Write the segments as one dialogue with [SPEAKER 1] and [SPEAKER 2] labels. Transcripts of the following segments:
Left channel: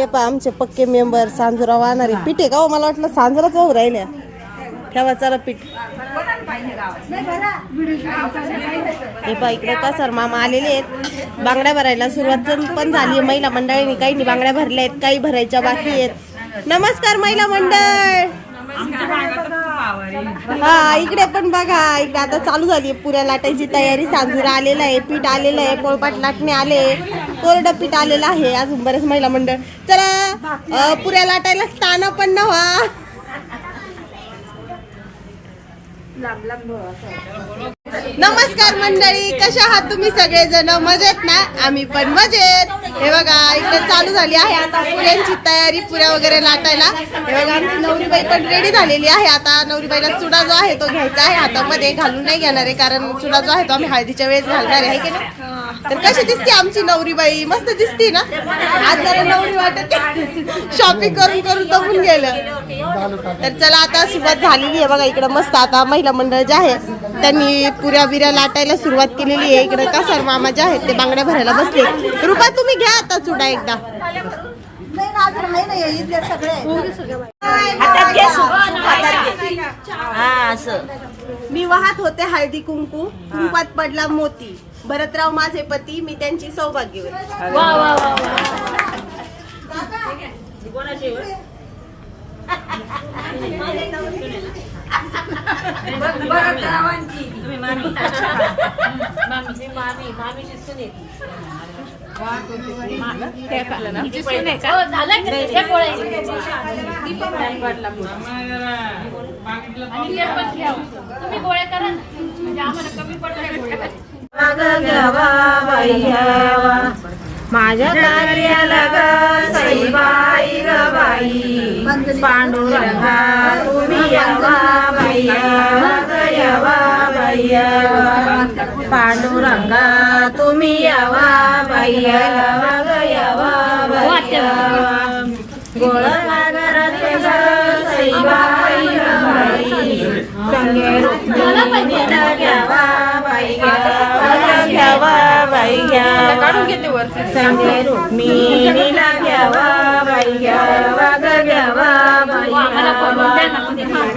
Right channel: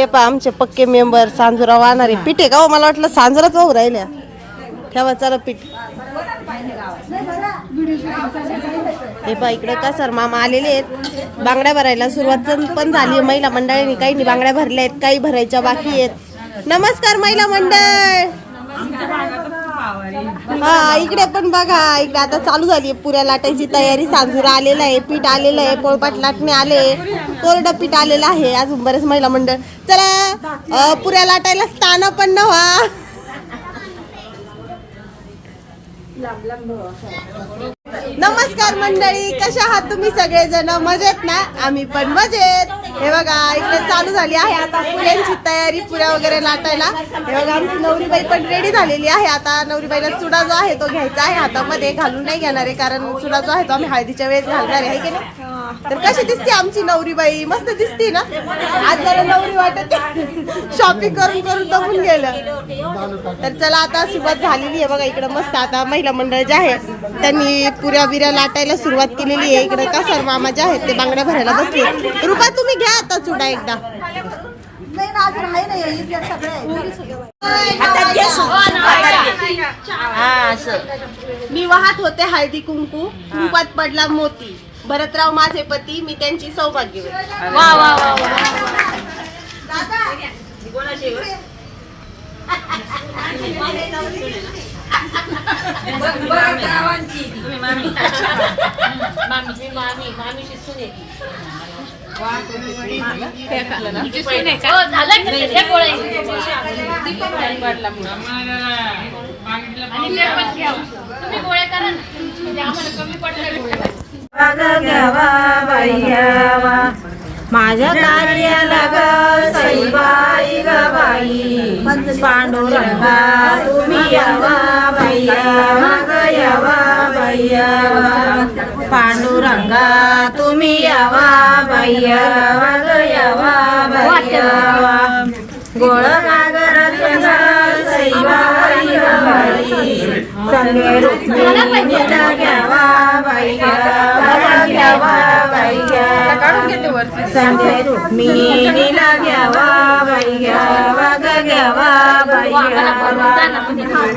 [SPEAKER 1] हे आमचे पक्के मेंबर सांजुरा वाहणारे पीठ आहे का हो? मला वाटलं सांजुराच वाहू राहिल्या. ठेवा चला पीठ. हे पहा इकडे सर मामा आलेले आहेत. बांगड्या भरायला सुरुवात पण झाली आहे. महिला मंडळाने काही नाही बांगड्या भरल्या आहेत काही भरायच्या बाकी आहेत. नमस्कार महिला मंडळ. हा इकडे पण बघा इकडे आता चालू झाली पुऱ्या लाटायची तयारी. सांजुरा आलेला आहे पीठ आलेलं आहे पोळपाट लाटणे आले. कोरडं पीठ आलेलं आहे अजून बरेच महिला मंडळ. चला पुऱ्या लाटायला स्थान पण नव्हा नमस्कार मंडळी कशा आहात तुम्ही सगळेजण? मजेत ना? आम्ही पण मजेत. हे बघा इकडे चालू झाली आहे आता पुऱ्यांची तयारी पुऱ्या वगैरे लाटायला. हे बघा आमची नवरीबाई पण रेडी झालेली आहे. आता नवरीबाईला चुडा जो आहे तो घ्यायचा आहे. हातामध्ये घालून नाही घेणार आहे कारण चुडा जो आहे तो आम्ही हळदीच्या वेळेस घालणार आहे की नाही? तर कशी दिसते आमची नवरीबाई? मस्त दिसते ना? आज जरा नवरी वाटत शॉपिंग करून करून दबून गेलं. तर चला आता सुरुवात झालेली आहे. बघा इकडं मस्त आता महिला मंडळ जे आहे त्यांनी पुऱ्या बिऱ्या लाटायला सुरुवात केलेली आहे इकडं. का मामा जे आहेत ते बांगड्या भरायला बसले रुपा तुम्ही घ्या आता चुडा एकदा. मी वाहत होते हळदी कुंकू. कुंपात पडला मोती. भरतराव माझे पती. मी त्यांची सौभाग्य वा वा वा. माझ्या कार्याला ग सईबाई ग बाई. पांडुरंगा. तुम्ही यावा बैया ग यावा.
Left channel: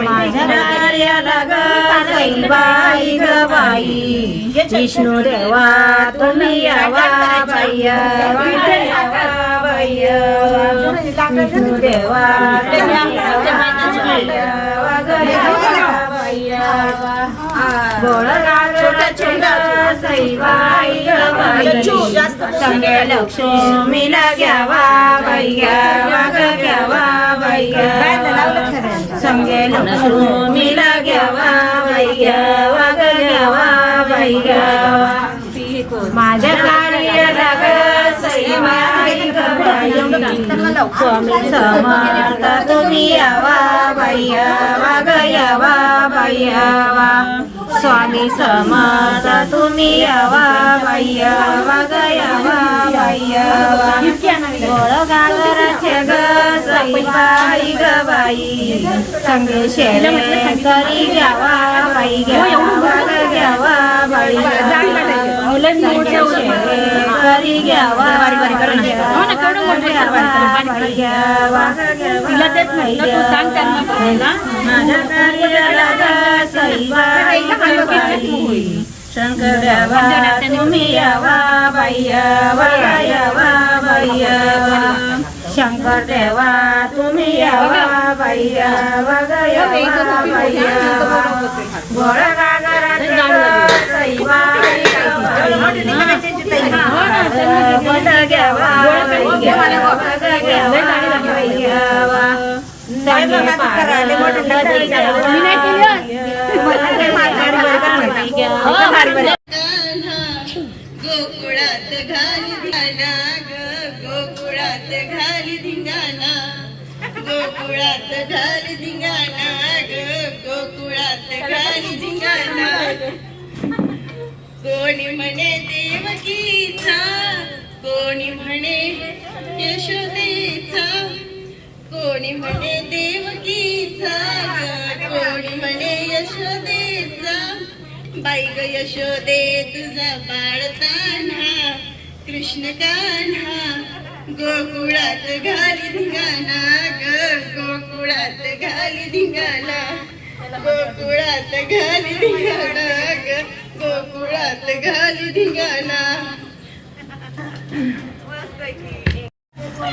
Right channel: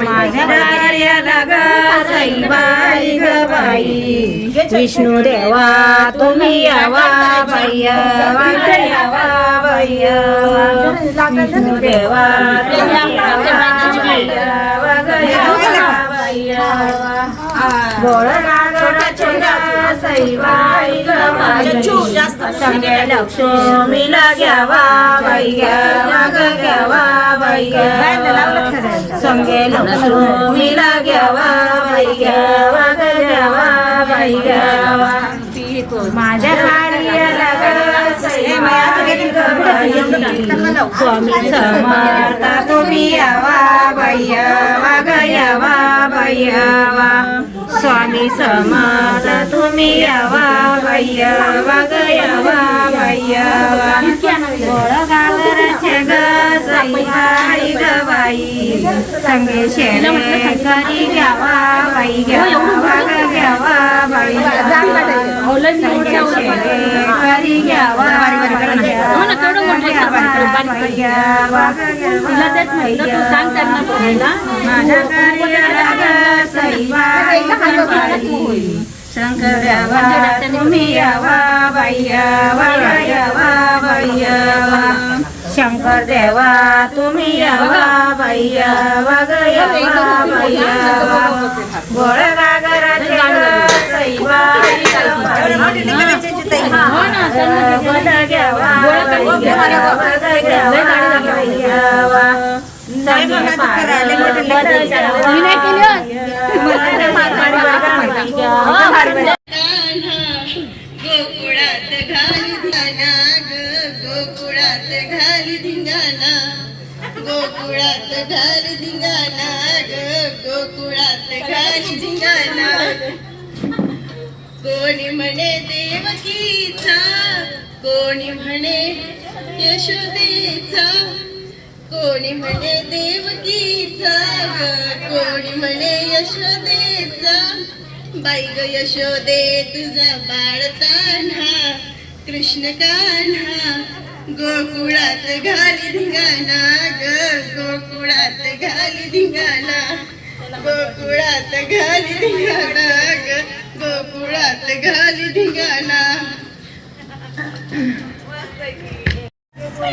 [SPEAKER 1] माझ्या कार्याला ग सईबाई ग विष्णू देवा तुम्ही यावा भैया विष्णू देवा तुम्ही लक्ष्मीला घ्यावा बाई घ्यावा घ्यावा बाई घ्यावा संगे लक्ष्मीला घ्यावा बाई घ्यावा घ्यावा बाई घ्यावा माझ्या कार्याला समर्थ तुम्ही यावा बाई यावा ग यावा बाई यावा स्वामी समर्थ तुम्ही यावा बाई यावा ग यावा बाई यावा गोळ गावराचे ग सईबाई ग बाई. संगे शेळे करी घ्यावा बाई घ्यावा घ्यावा बाई करी घ्यावा. बाई घ्यावा ग घ्यावा बाई घ्यावा. माझ्या कार्याला ग सईबाई ग बाई शंकर देवा तुम्ही यावा बाई यावा यावा बाई यावा. शंकर देवा तुम्ही यावा. ग घ्यावा बाई घ्यावा गोकुळात घाल धिंगाणा गोकुळात घाल धिंगाणा. गोकुळात घाल धिंगाणा ग गोकुळात घाल धिंगाणा. कोणी म्हणे देवकीचा कोणी म्हणे यशोदेचा. कोणी म्हणे देवकीचा ग कोणी म्हणे यशोदेचा. बाई ग यशोदे तुझा बाळताना कृष्ण कान्हा
[SPEAKER 2] गोकुळात घाली धिंगाणा ग गोकुळात घाली धिंगाणा. गोकुळात घाली धिंगाणा ग गोकुळात घाली धिंगाणा.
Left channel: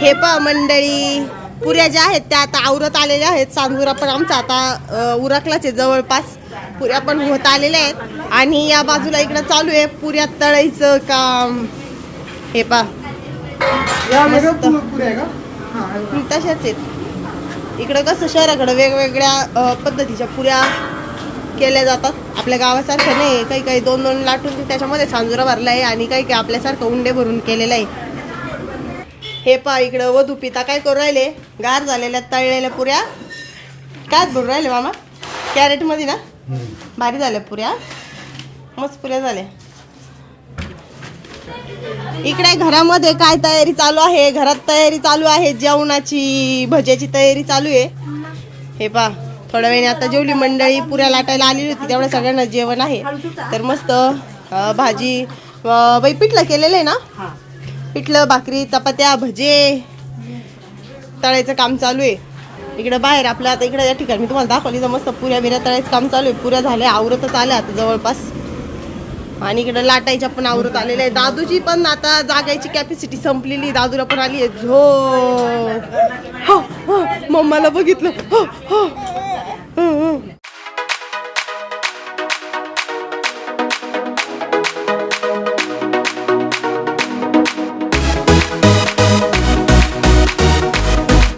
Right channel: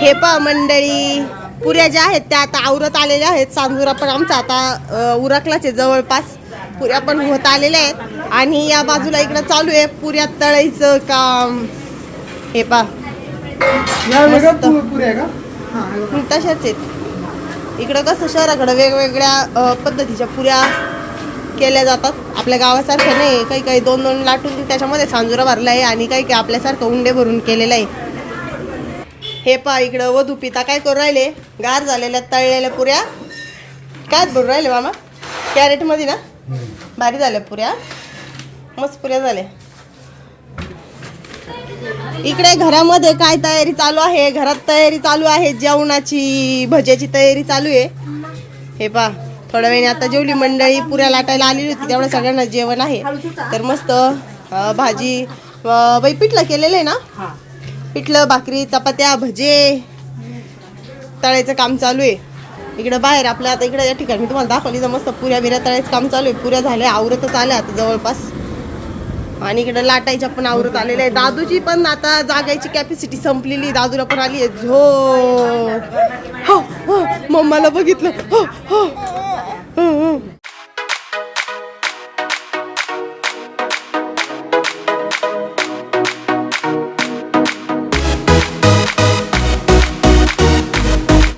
[SPEAKER 2] हे पा मंडळी पुऱ्या ज्या आहेत त्या आता आवरत आलेल्या आहेत. सांजुरा पण आमचा आता उरकलाच आहे जवळपास. पुऱ्या पण होत आलेल्या आहेत. आणि या बाजूला इकडं चालू आहे पुऱ्या तळायचं काम. हे पा तशाच आहेत. इकडं कसं शहराकडं वेगवेगळ्या पद्धतीच्या पुऱ्या केल्या जातात. आपल्या गावासारख्या नाही काही काही दोन दोन लाटून त्याच्यामध्ये सांजुरा भरला आहे आणि काही काही आपल्यासारखं उंडे भरून केलेलं आहे. हे पा इकडं वधू पिता काय करू राहिले? गार झालेल्या तळलेल्या पुऱ्या. काय भरून राहिले मामा? कॅरेटमध्ये ना? भारी झाल्या पुऱ्या. मस्त पुऱ्या झाल्या. इकडे घरामध्ये काय तयारी चालू आहे? घरात तयारी चालू आहे जेवणाची भज्याची तयारी चालू आहे. हे पा थोड्या वेळाने आता जेवली मंडळी पुऱ्या लाटायला आलेली होती तेवढ्या सगळ्यांना जेवण आहे. तर मस्त भाजी बाई पिठलं केलेलं आहे ना? पिठलं भाकरी चपात्या भजे. तळायचं काम चालू आहे. इकडं बाहेर आपल्या आता इकडे या ठिकाणी मी तुम्हाला दाखवली तर मस्त पुऱ्या बिऱ्या तळायचं काम चालू आहे. पुऱ्या झाल्या आवरतच आल्या आता जवळपास. आणि इकडे लाटायच्या पण आवरत आलेल्या आहे दादूची पण आता जागायची कॅपॅसिटी संपलेली. दादूला पण आली आहे. झो हो, हो, मम्माला बघितलं. हो, हो.